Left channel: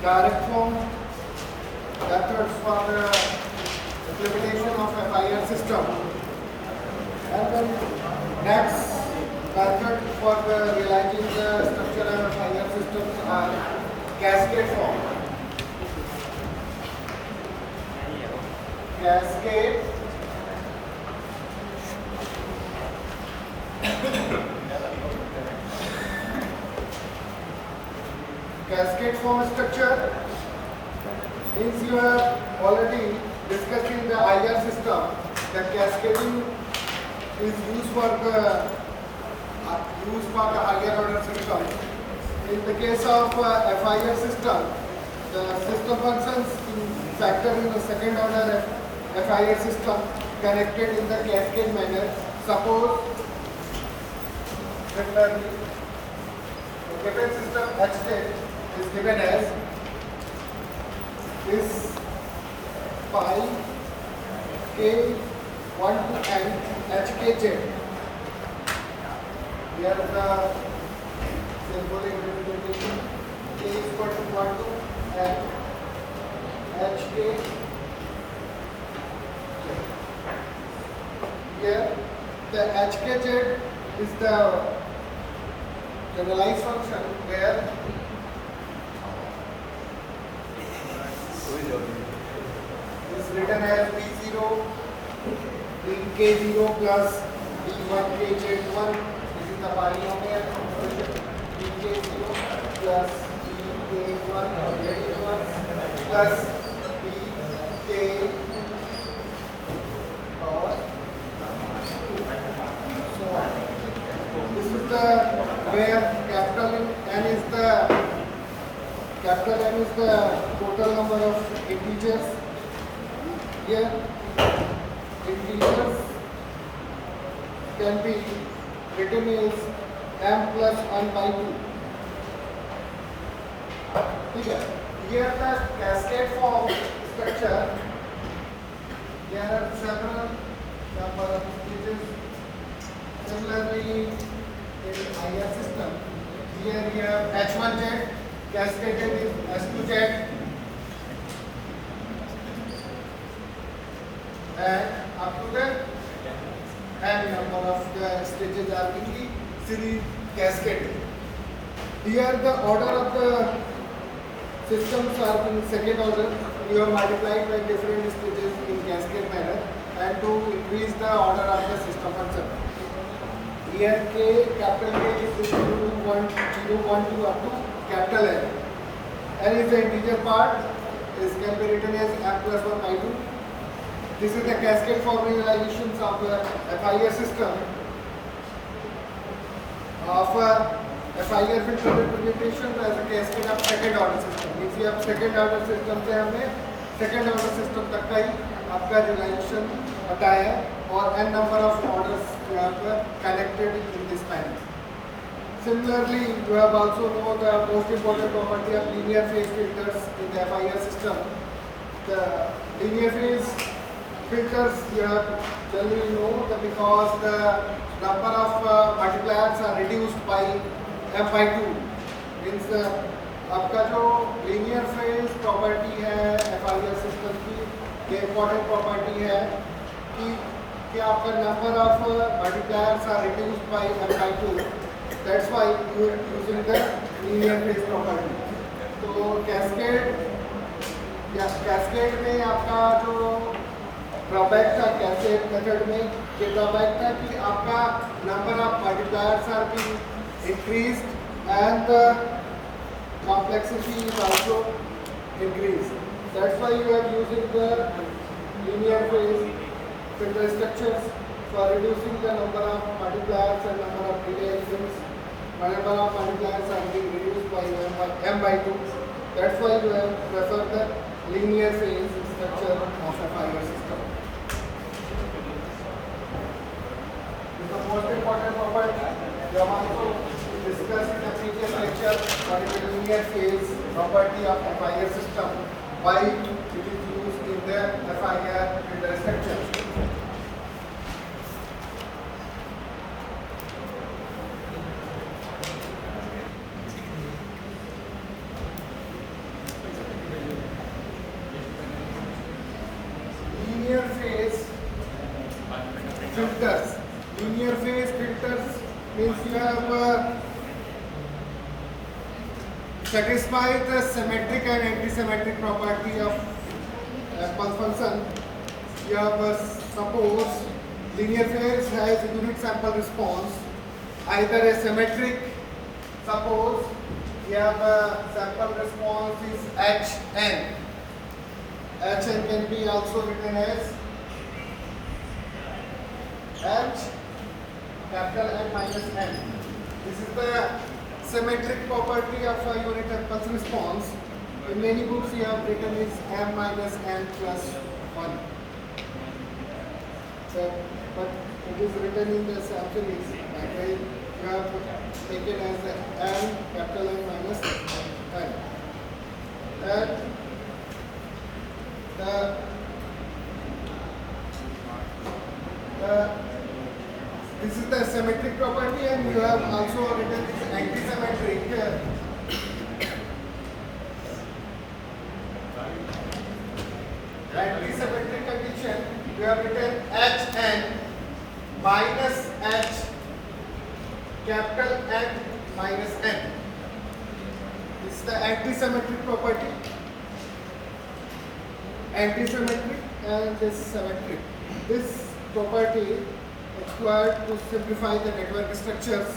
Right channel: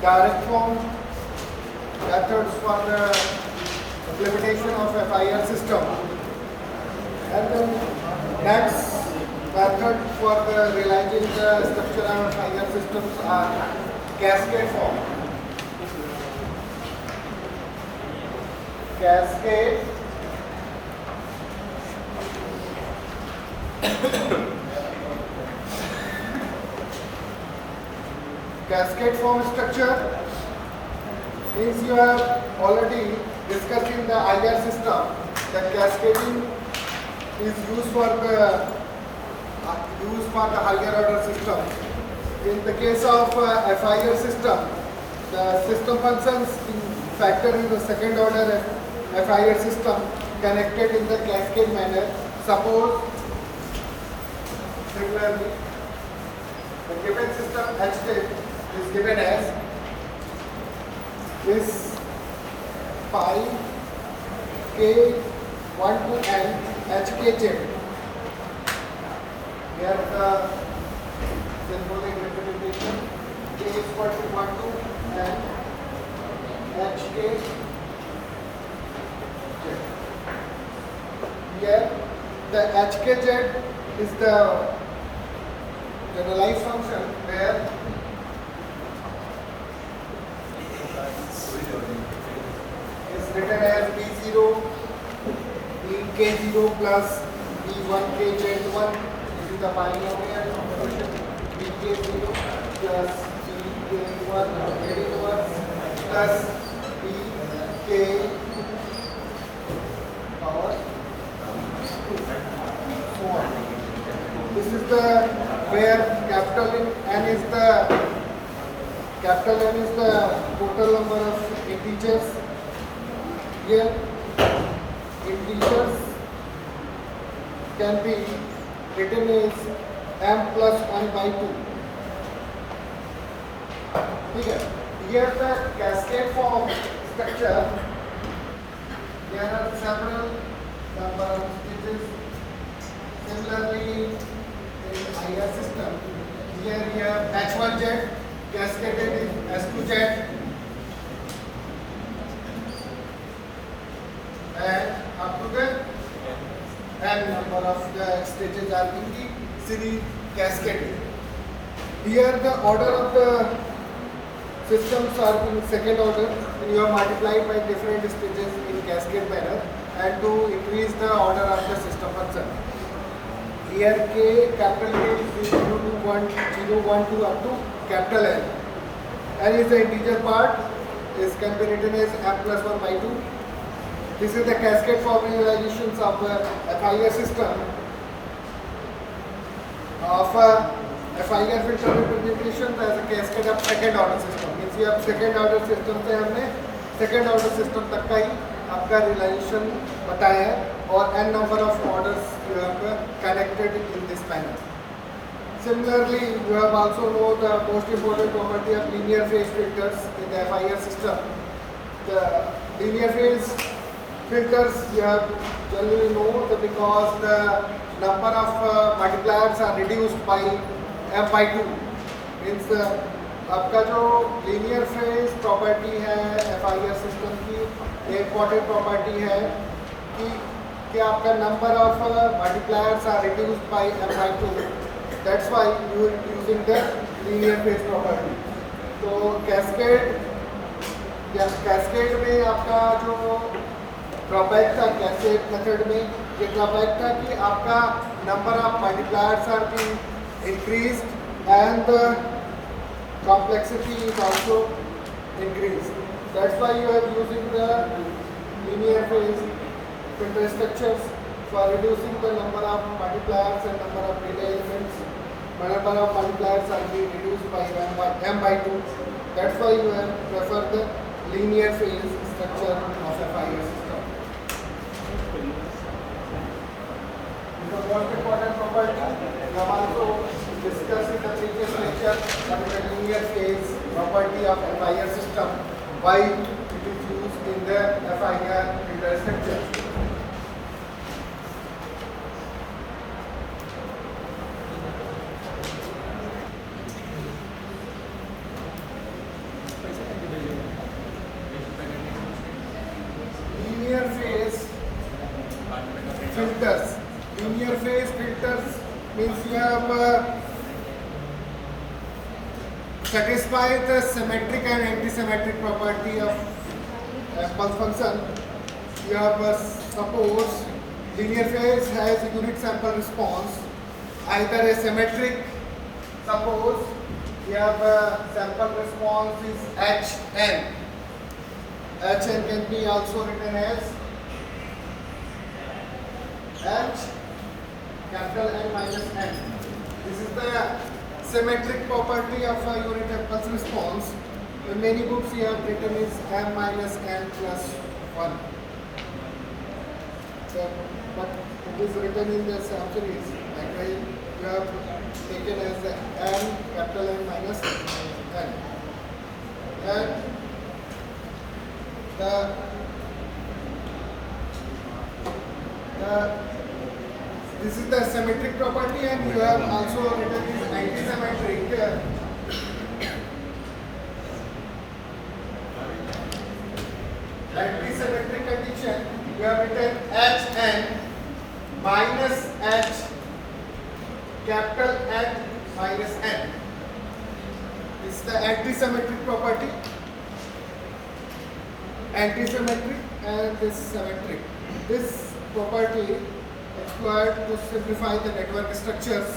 direct form methods for the implementation of FIR system. And then next method for the realizing the structure of FIR systems are cascade form. Cascade cascade form structure means you have already discussed in the IR system that cascading is used for the higher order system. In the case of FIR system, the system functions factor in the second order FIR system connected in the cascade manner. Suppose similarly the given system H state is given as this pi k 1 to n hkz. Here the symbolic representation k is equal to 1 to n hkz. Here the hkz is the generalized function where is written as b0 k0 plus b1 kz1. This is the polynomial bk0 plus bk1 kz1 plus bk power 2 so on. This is the where capital N is the total number of integers. Here integers can be written as m plus n by 2. Here the cascade form structure, there are several number of stages. Similarly, in IR system, here we have H1Z cascaded in S2Z, and up to the n number of the stages are in the series cascaded. Here the order of the systems are in second order when you are multiplied by different stages in cascade manner and to increase the order of the system function. Here k, capital K is equal to 1, 0, 1, 2 up to capital N. N is the integer part, can be written as m plus 1 by 2. This is the cascade formalizations of the FIR system of FIR filter representation as a cascade of second order system. If you have second order system से हमने second order system तक का ही आपका relation बताया है और n number of orders you have connected in this panel. Similarly, you have also know the most important property of linear phase filters in the FIR system. The linear phase filters you have generally know that because the number of multipliers are reduced by m by 2. Means आपका जो linear phase property है FIR system की एक important property है कि आपका number of multipliers are reduced by m by 2. That's why you are using the linear phase property. तो cascade में आपका जो drawback था cascade method में ये drawback था कि आपका number of multipliers are being increased and the complexity is also increased. That's why you are using the linear phase filter structures for reducing the number of multipliers and number of delay elements. Number of multipliers are being reduced by m by 2. That's why you will prefer the linear phase structure of a FIR system. The most important property we have also discussed in the previous lecture, what is the linear phase property of FIR system, why it is used in the FIR filter structure. means you have satisfied the symmetric and anti-symmetric property of pulse function. You have suppose linear phase has a unit sample response, either a symmetric. Suppose you have a sample response is Hn. Hn can be also written as H capital N minus N. This is the symmetric property of a unit impulse response. In many books you have written is M minus N plus 1. So, but it is written in the sample is you have taken as the M capital N minus N. And this is the symmetric property, and you have also written this anti-symmetric. Anti-symmetric condition, you have written Hn minus H capital N minus N. This is the anti-symmetric property. Anti-symmetric and this symmetric. This property required to simplify the network structures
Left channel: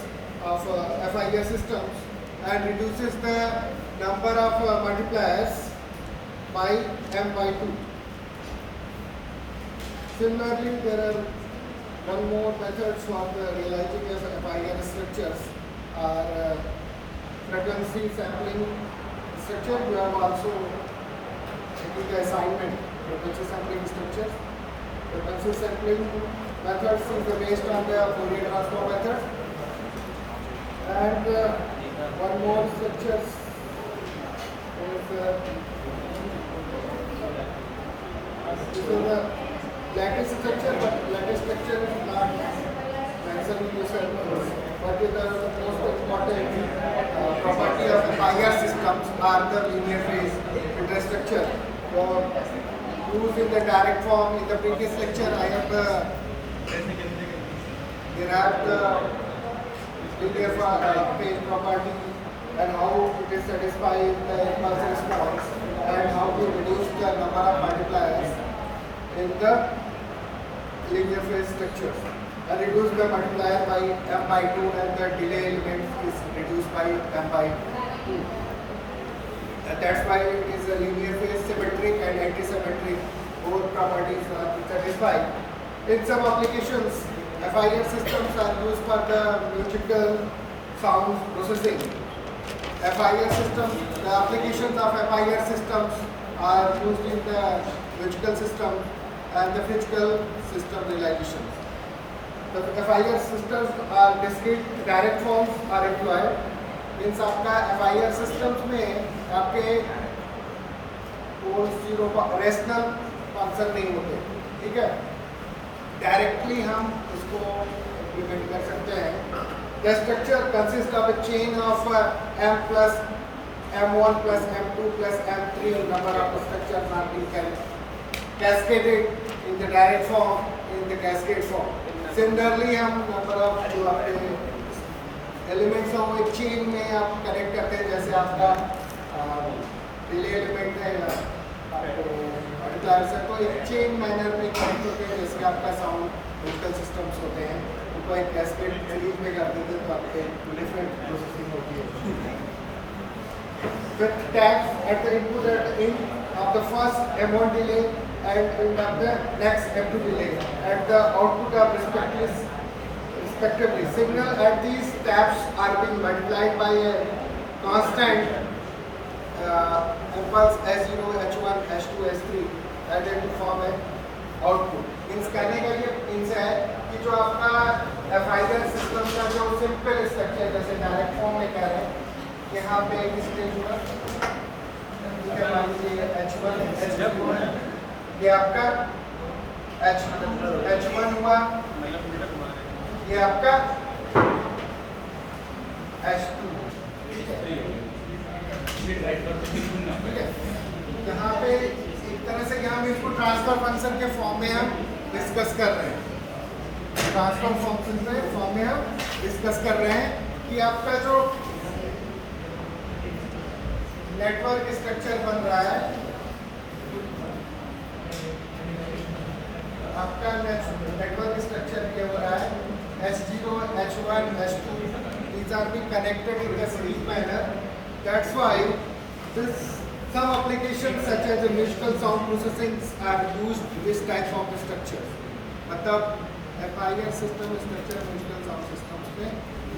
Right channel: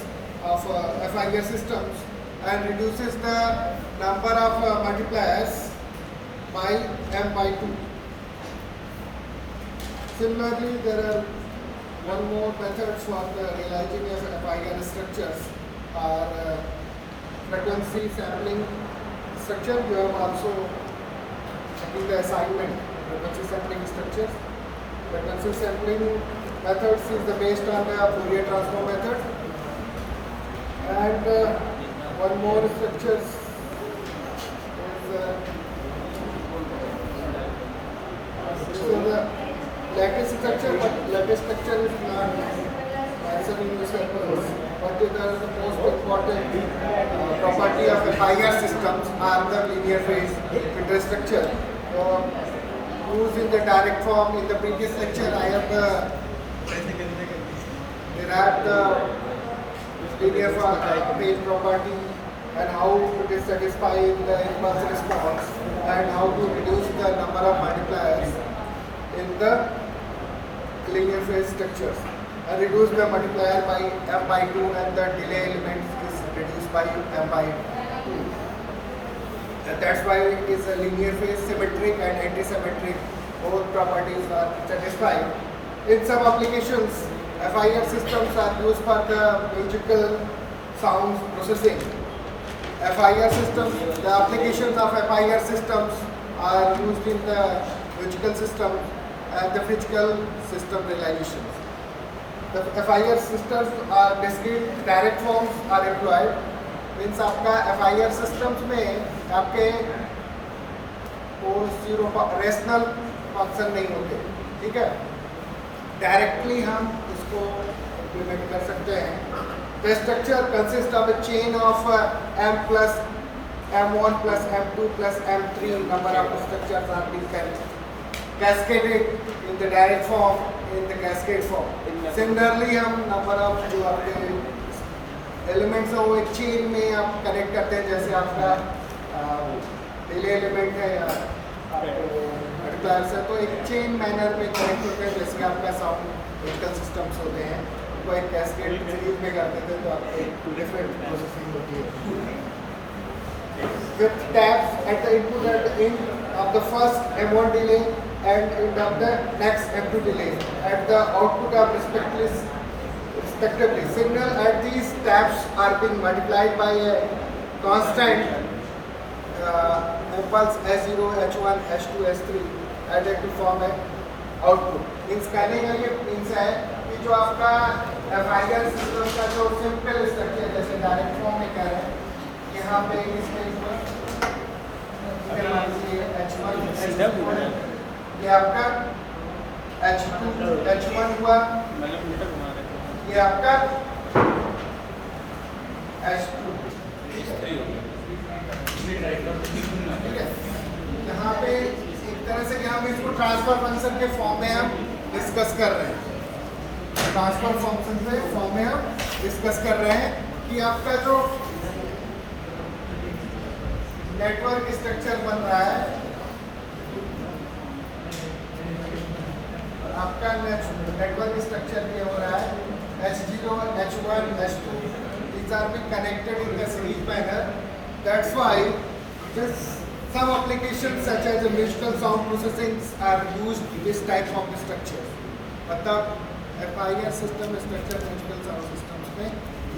of FIR systems and reduces the number of multipliers by m by 2. Similarly, there are one more methods for the realizing of FIR structures are frequency sampling structure. You have also taken the assignment frequency sampling structures. Frequency sampling methods is based on the Fourier transform method, and one more structures is the lattice structure, but lattice structure is not mentioned in this course. But the most important property of the FIR systems are the linear phase interstructure. Used in the direct form in the previous lecture, I have derived the linear phase property and how it is satisfied the impulse response and how to reduce the number of multipliers in the linear phase structures and reduce the multiplier by m by 2 and the delay element is reduced by m by 2. And that's why it is a linear phase, symmetric and anti-symmetric. Both properties are satisfied. In some applications, FIR systems are used for the musical sound processing. FIR systems, the applications of FIR systems are used in the musical system and the physical system realizations. The FIR systems are discrete direct forms are employed. Means आपका FIR systems में आपके poles zero rational function नहीं होते, ठीक है, directly हम इसको implement कर सकते हैं. The structure consist of a chain of m plus m1 plus m2 plus m3 number of structures are being cascaded in the direct form in the cascade form. Similarly हम number of जो आपके elements हैं वो एक chain में आप connect करते हैं, जैसे आपका डिले एलिमेंट है या मल्टीप्लायर्स है, तो एक चेन मैनर में कनेक्ट होते हैं, जैसे आपका साउंड डिजिटल सिस्टम्स होते हैं, उनको एक कैस्केड सीरीज में कर देते हैं तो आपके डिफरेंट प्रोसेसिंग होती है. With taps at the input at the end of the first M1 delay and end of the next M2 delay at the output of respectively. Signal at these taps are being multiplied by a constant impulse S0, H1, H2, S3 added to form an output. Means कहने का ये means है कि जो आपका FIR system का जो simple structure जैसे डायरेक्ट फॉर्म में कह रहे हैं, यहाँ पे इस स्टेज पर H1, H2 ये आपका H2, H1 हुआ, ये आपका H2, ठीक है. यहाँ पे एक तरह से हम इसको ट्रांसफर फंक्शन के फॉर्म में हम डिस्कस कर रहे हैं. ट्रांसफर फॉर्म में हम डिस्कस कर रहे हैं कि आपका जो नेटवर्क स्ट्रक्चर बन रहा है, आपका नेटवर्क स्ट्रक्चर भी हो रहा है H0, H1, H2. These are being connected in a series manner. That's why some applications such as musical sound processing are used this type of structure. मतलब FIR system structure musical sound systems में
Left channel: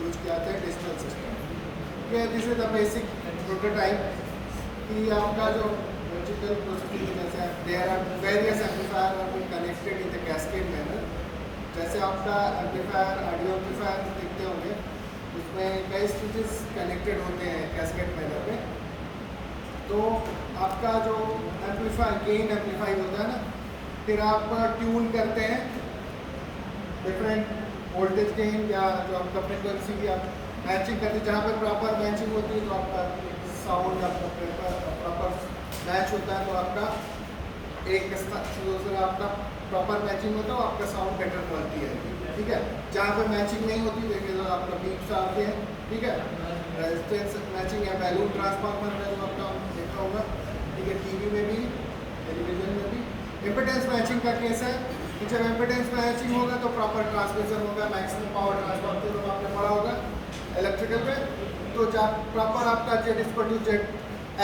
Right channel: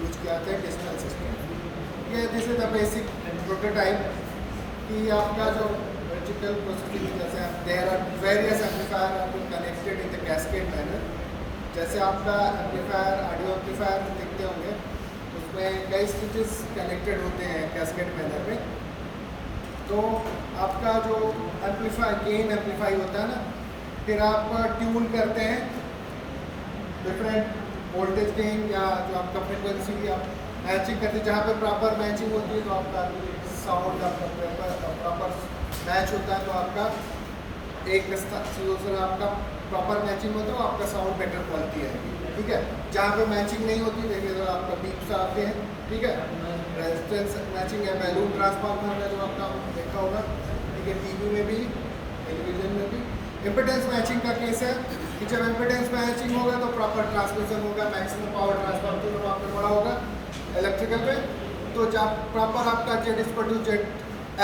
use किया जाता है digital system. ये this is the basic prototype कि आपका जो digital processing जैसे there are various amplifier are being connected in the cascade manner. जैसे आपका एम्पलीफायर ऑडियो एम्पलीफायर देखते होंगे, उसमें कई स्विचेस कनेक्टेड होते हैं कैस्केड मैनर में। तो आपका जो एम्पलीफायर गेन एम्पलीफाई होता है ना, फिर आप ट्यून करते हैं डिफरेंट वोल्टेज गेन या जो आपका फ्रिक्वेंसी आप मैचिंग करते हैं, जहाँ पे प्रॉपर मैचिंग होती है तो आपका साउंड आपका प्रॉपर मैच होता है, तो आपका एक दूसरा आपका प्रॉपर मैचिंग होता है, आपका साउंड बेटर क्वालिटी है। ठीक है, जहाँ पे मैचिंग नहीं होती देखिए तो आपका बीप्स आते हैं। ठीक है, रेजिस्टेंस मैचिंग या बैलून ट्रांसफार्मर का जो आपका देखा होगा। ठीक है, टीवी में भी टेलीविजन में भी। इम्पिडेंस मैचिंग का केस है कि जब इम्पिडेंस मैचिंग होगा तो प्रॉपर ट्रांसमिशन होगा, मैक्सिमम पावर ट्रांसफर जो आपने पढ़ा होगा इलेक्ट्रिकल में। तो जब प्रॉपर आपका Z is to Z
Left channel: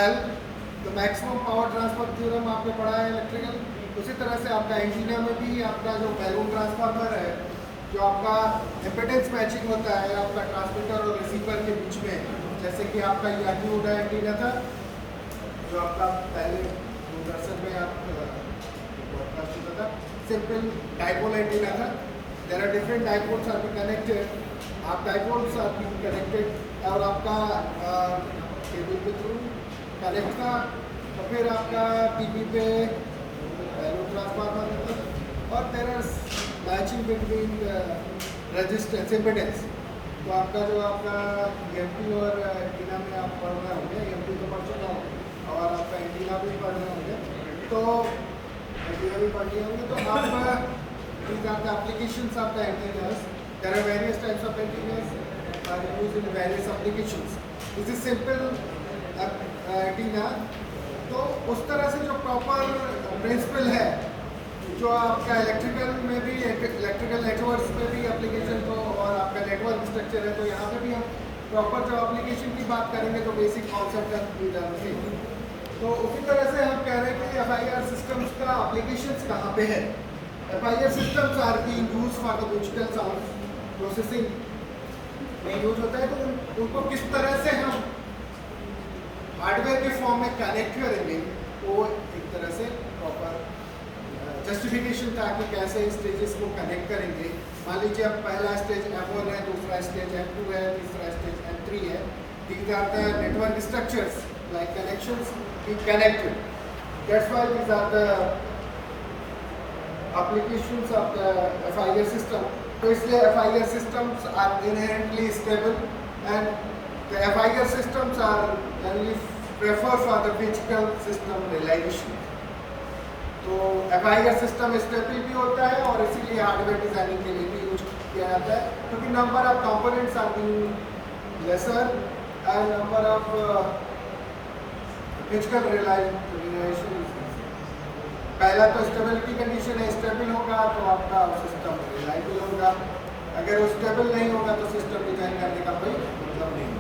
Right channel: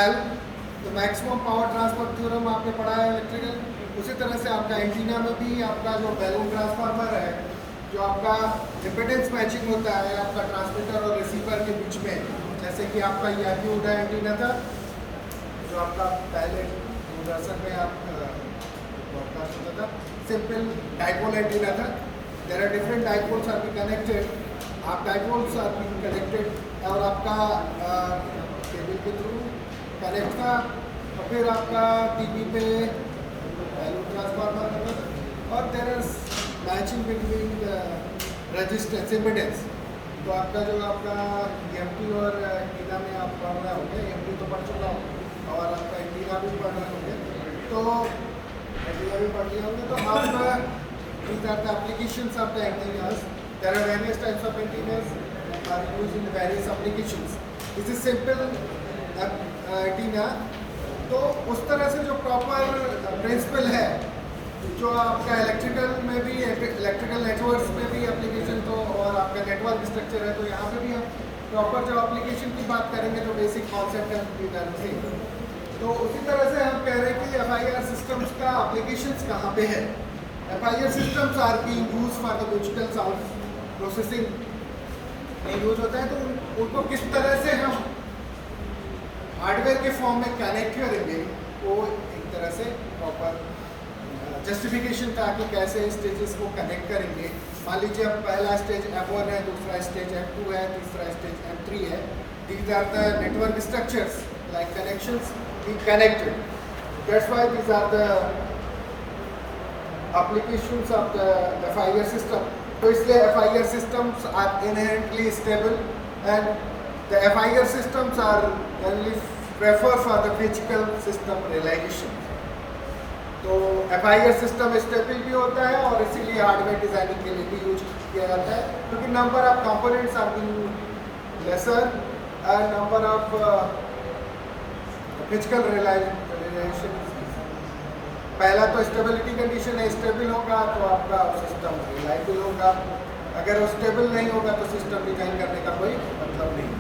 L, तो मैक्सिमम पावर ट्रांसफर थ्योरम आपने पढ़ा है इलेक्ट्रिकल। उसी तरह से आपका एंटीना में भी आपका जो बैलून ट्रांसफार्मर है, जो आपका इम्पिडेंस मैचिंग होता है आपका ट्रांसमीटर और रिसीवर के बीच में, जैसे कि आपका ये एंटीना एंटीना था जो आपका पहले दूरदर्शन में आप ब्रॉडकास्ट होता था, सिंपल डाइपोल एंटीना था। There are different dipoles are be connected, आप डाइपोल्स आर बी कनेक्टेड और आपका केबल के थ्रू कनेक्ट था, और फिर आपका टीवी पे बैलून ट्रांसफार्मर और there are matching between resistance impedance. तो आपका जो आपका एमपी और एंटीना में आप पढ़ रहे होंगे, एमपी तो पढ़ चुका हूँ और आपका एंटीना भी पढ़ रहे होंगे, तो एंटीना भी पढ़ लिए होंगे। तो आप these are the applications of the antennas. There are various types of antennas are used in various applications. This is simple antenna. तो उस तरह से जो प्रॉपर प्रिंसिपल है जो आपका इलेक्ट्रिकल में भी, इलेक्ट्रिकल नेटवर्क्स में भी एप्लीकेशन, तो और आपका नेटवर्क स्ट्रक्चर है, तो यहाँ पे भी हम प्रॉपर जो एप्लीकेशन की बात करेंगे जो बेसिक कॉन्सेप्ट है। तो उसी तरह से हम कह रहे हैं कि FIR सिस्टम्स का एप्लीकेशंस कहाँ पे है। FIR systems are being used for the digital sound processing में यूज होता है। तो उनको किस तरह से हम हार्डवेयर के फॉर्म में कनेक्ट करेंगे, वो एक तरह से प्रॉपर जस्टिफिकेशन था कि कैसे स्टेजेस को कनेक्ट करेंगे। मान लीजिए अब पहला स्टेज M1 है, दूसरा स्टेज M2 है, तीसरा स्टेज M3 है। These are the network structures like connections be connected. That's why these are the applications of the FIR system. तो इसलिए FIR systems are inherently stable and the FIR systems are generally preferred for the physical system realization. तो FIR system stable भी होता है और इसीलिए hardware designing के लिए भी यूज किया जाता है, क्योंकि number of components are being lesser and number of physical relation. पहला तो स्टेबिलिटी कंडीशन है, स्टेबल होगा तो आपका सिस्टम रिलायबल होगा, अगर वो स्टेबल नहीं होगा तो सिस्टम डिजाइन करने का कोई मतलब नहीं।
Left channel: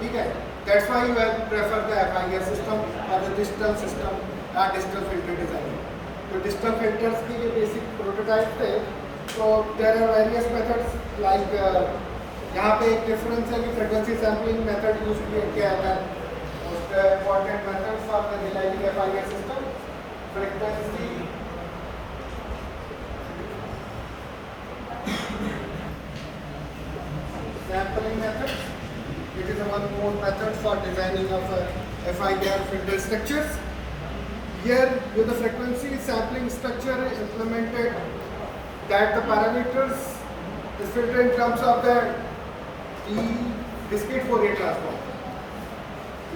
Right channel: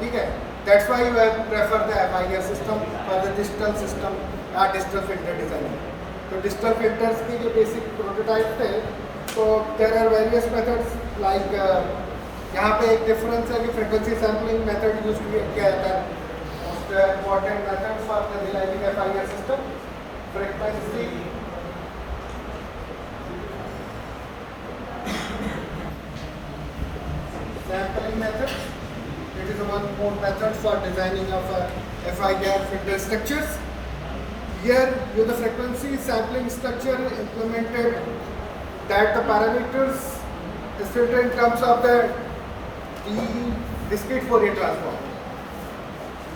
ठीक है, that's why we prefer the FIR system for the digital system या डिजिटल फिल्टर डिजाइनिंग। तो डिजिटल फिल्टर्स की जो बेसिक प्रोटोटाइप है, तो there are various methods like यहाँ पे एक डिफरेंस है कि फ्रीक्वेंसी सैम्पलिंग मेथड यूज किया जाता है। Most important method for the realizing FIR system, frequency sampling method. It is one more method for designing of FIR filter structures. Here, with the frequency sampling structure implemented, that the parameters is filtered in terms of the discrete Fourier transform.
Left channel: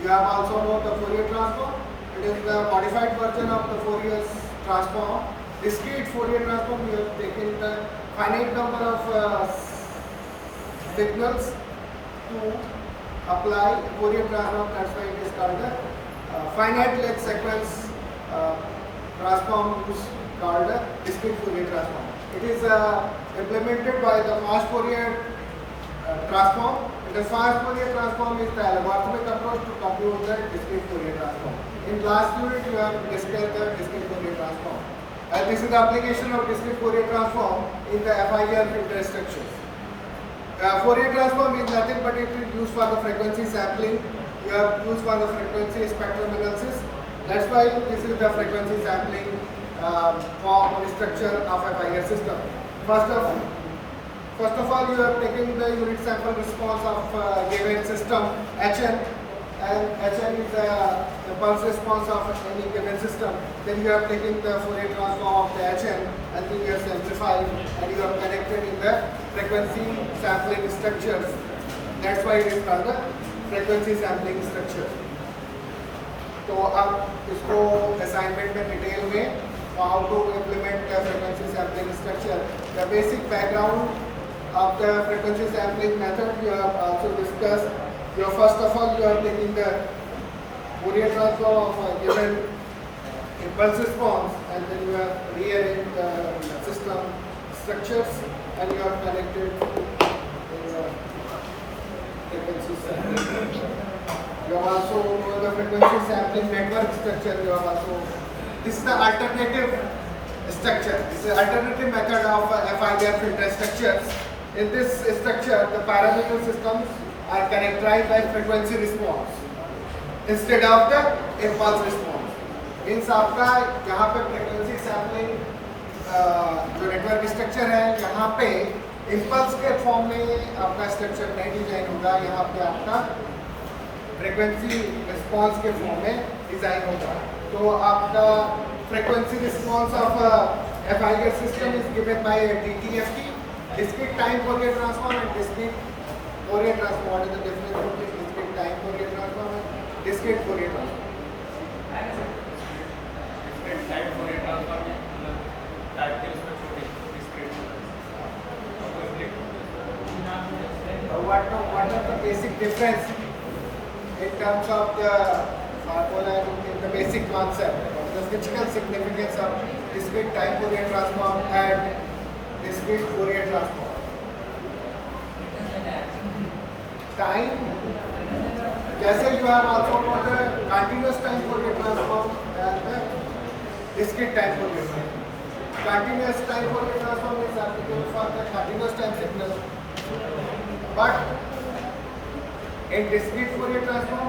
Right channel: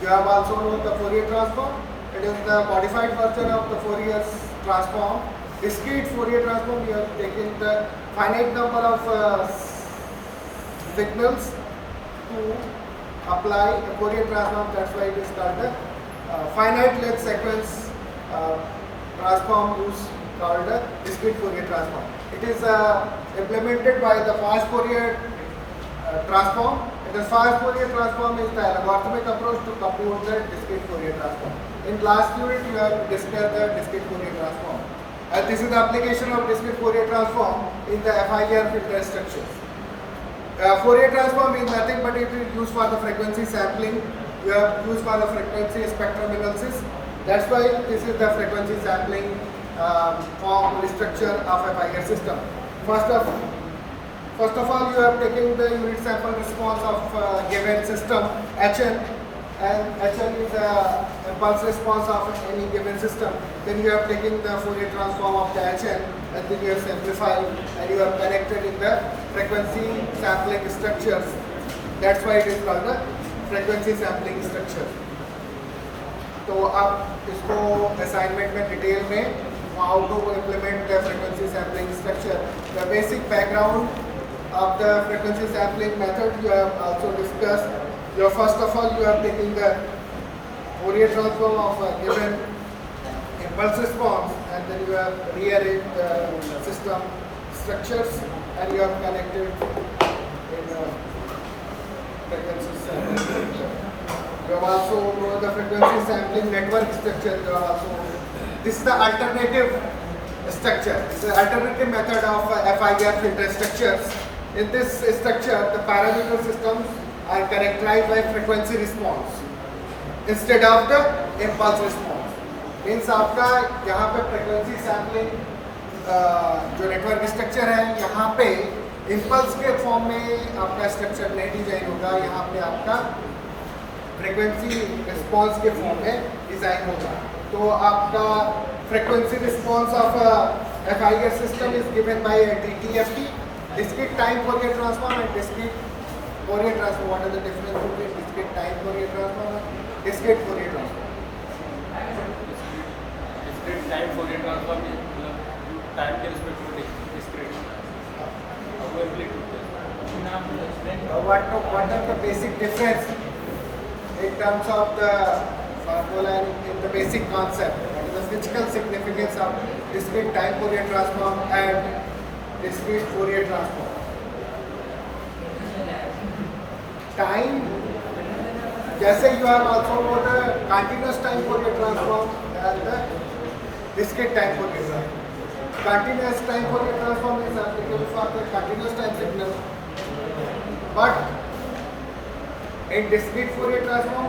You have also known the Fourier transform. It is the modified version of the Fourier transform. Discrete Fourier transform, you have taken the finite number of signals to apply a Fourier transform. That's why it is called a finite length sequence transform use called a discrete Fourier transform. It is implemented by the fast Fourier transform. The fast Fourier transform is the algorithmic approach to compute the discrete Fourier transform. In last unit, you have discussed the discrete Fourier transform. And this is the application of discrete Fourier transform in the FIR filter structures. Fourier transform is nothing but it is used for the frequency sampling. You have used for the frequency spectrum analysis. That's why this is the frequency sampling form or structure of a FIR system. First of all, you have taken the unit sample response of given system Hn, and Hn is a impulse response of any given system. Then you have taken the Fourier transform of the Hn, and then you have simplified and you have connected in the frequency sampling structures. That's why it is called the frequency sampling structure. तो आप इसको assignment में detail में how to implement the frequency sampling structure. The basic background of the frequency sampling method you have also discussed. First of all, you are taking the Fourier transform of a given impulse response, and then you have rearranged the system structures, and you have connected in the frequency sampling. You have also known the frequency sampling network structure. You have also, this is the alternative structure. This is the alternative method of FIR filter structures. In this structure, the parameter systems are characterized by frequency response instead of the impulse response. Means आपका यहाँ पे frequency sampling जो network structure है, यहाँ पे impulse के form में आपका structure नहीं डिजाइन होगा, यहाँ पे आपका frequency response के form में डिजाइन होगा. तो आपका frequency response of FIR system is given by a DTFT, discrete time Fourier transform, and discrete Fourier transform. What is the difference between discrete time Fourier transform and discrete Fourier transform? Discrete time Fourier transform time के respect to discrete. What are the basic difference in terms of the formula in the basic concept? What is the physical significance of discrete time Fourier transform and discrete Fourier transform? Time, जैसे you have also put a continuous time Fourier transform and the discrete time Fourier transform. Continuous time Fourier transform is applicable for the continuous time signal, but in discrete Fourier transform,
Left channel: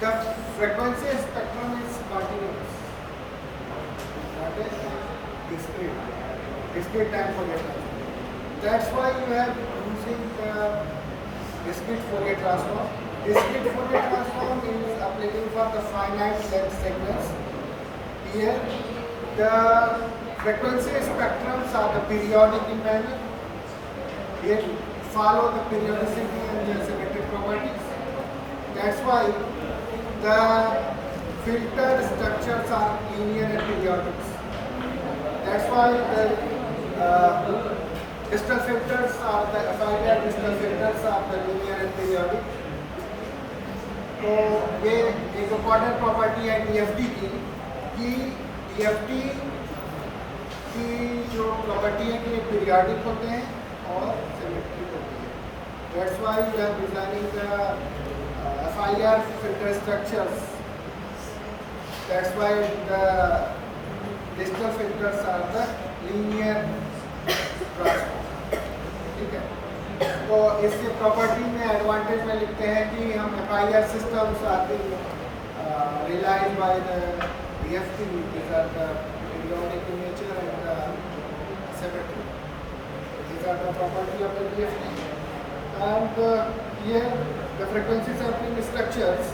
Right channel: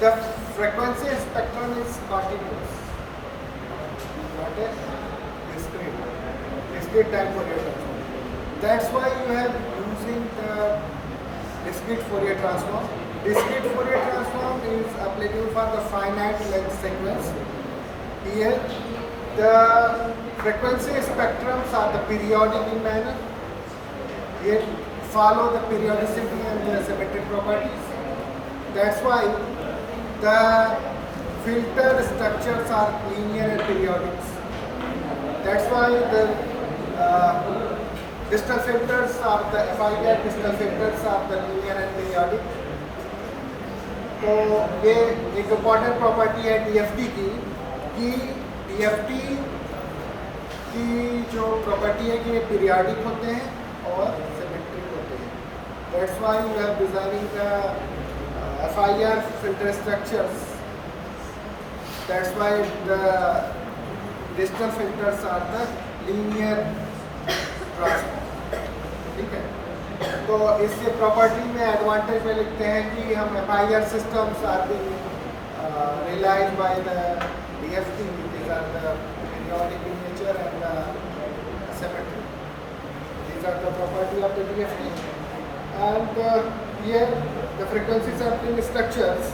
the frequency spectrum is continuous, not a discrete time Fourier transform. That's why you have using the discrete Fourier transform. Discrete Fourier transform is applicable for the finite length sequence. Here, the frequency spectrums are the periodic in manner. They follow the periodicity and the symmetric properties. That's why the filter structures are linear and periodic. That's why the distal filters are the FIR distal filters are the linear and periodic. तो ये एक important property है DFT की, कि DFT की जो property है कि ये पीरियाडिक होते हैं और सिमेट्रिक होते हैं. That's why we are designing the FIR filter structures. That's why the distal filters are the linear transform. ठीक है. तो इसके प्रॉपर्टी में एडवांटेज में लिखते हैं कि हम FIR systems are being realized by the DFT. These are the periodic in nature and symmetric. These are the property of the DFT. And here the frequency sampling structures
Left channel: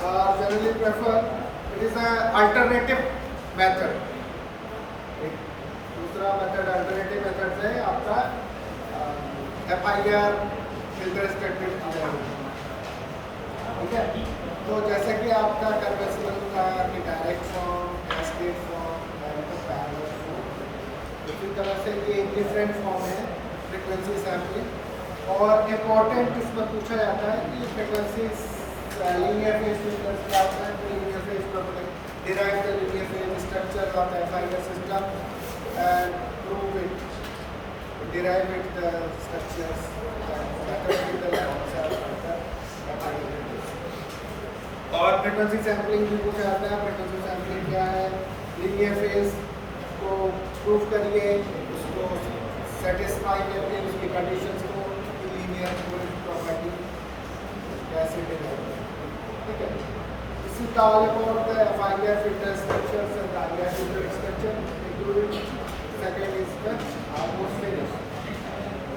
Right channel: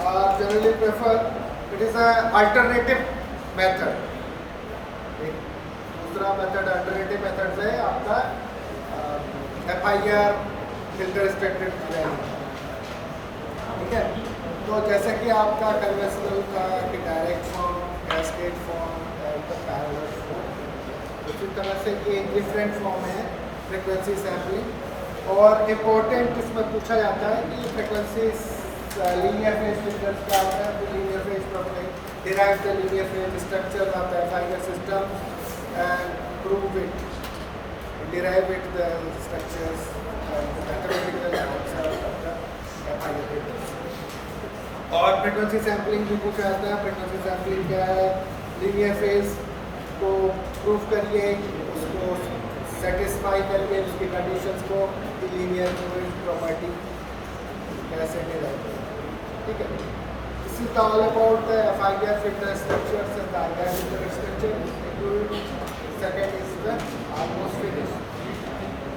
are generally preferred. It is an alternative method. दूसरा method alternative method से आपका FIR filter structure किया जाता है. ठीक है. तो जैसे कि आपका कन्वेंशनल का कि direct form, cascade form, parallel form, इसी तरह से ये डिफरेंट फॉर्म है फ्रिक्वेंसी सैम्पलिंग। और इम्पॉर्टेंट इसमें पूछा जाता है कि ये फ्रिक्वेंसी लीनियर फेज फिल्टर्स क्या होता है, तो linear phase property derive the linear phase structure of the final system and prove it, derive it the structures and mathematical answer of the final filters. और फ्रिक्वेंसी सैम्पलिंग भी पूछा जाता है। Frequency sampling क्या है, लीनियर फेज को prove करिए, उसको सेटिस्फाई करके उसकी कंडीशंस को कि लीनियर फेज प्रॉपर्टी कैसे मिलेगी, ठीक है। This is all about the FIR filter structures and the IR filter structure. Second is the almost finished.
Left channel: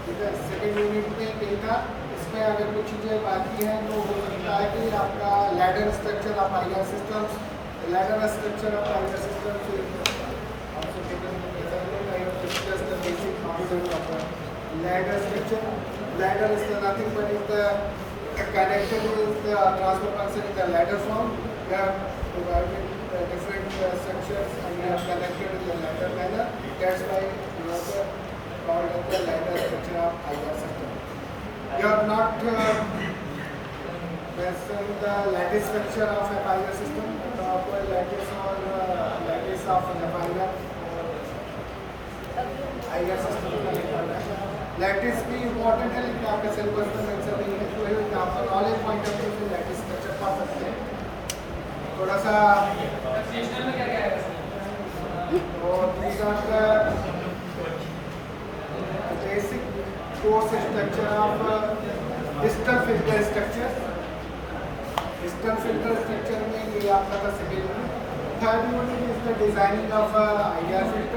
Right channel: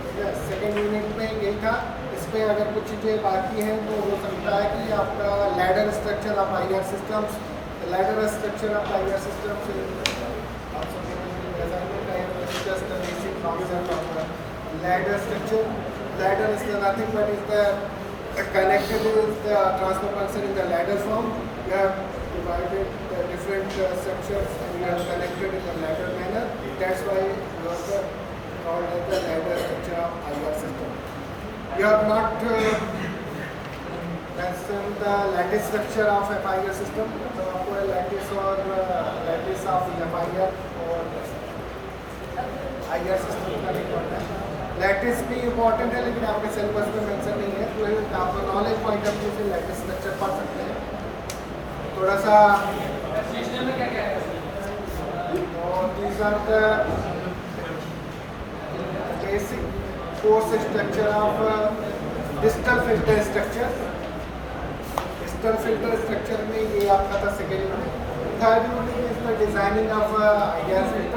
ठीक है, सेकेंड यूनिट में यही था। इसमें अगर कुछ चीज़ें बाकी हैं तो हो सकता है कि आपका ladder structure of IR systems, ladder structure of IR systems ladder structure, ladder is nothing but is the connected is the transfer function in the ladder form. You have divided the different structures and you have connected in the ladder manner. That's why you have the called as the ladder structure of IR system. You have not mentioned the lattice structure of a IR system. So आपको lattice और lattice of FIR और IR system का निकालना है। Lattice भी important है लेकिन आपके सिलेबस में मेंशन नहीं है, तो आप नॉलेज पॉइंट ऑफ व्यू से लैटिस स्ट्रक्चर पा सकते हैं थोड़ा सा। में क्या क्या है? और these are the basic course structure of digital filter structure. Digital filter structure में ये आपका था second unit. Third unit is the designing of IR filter.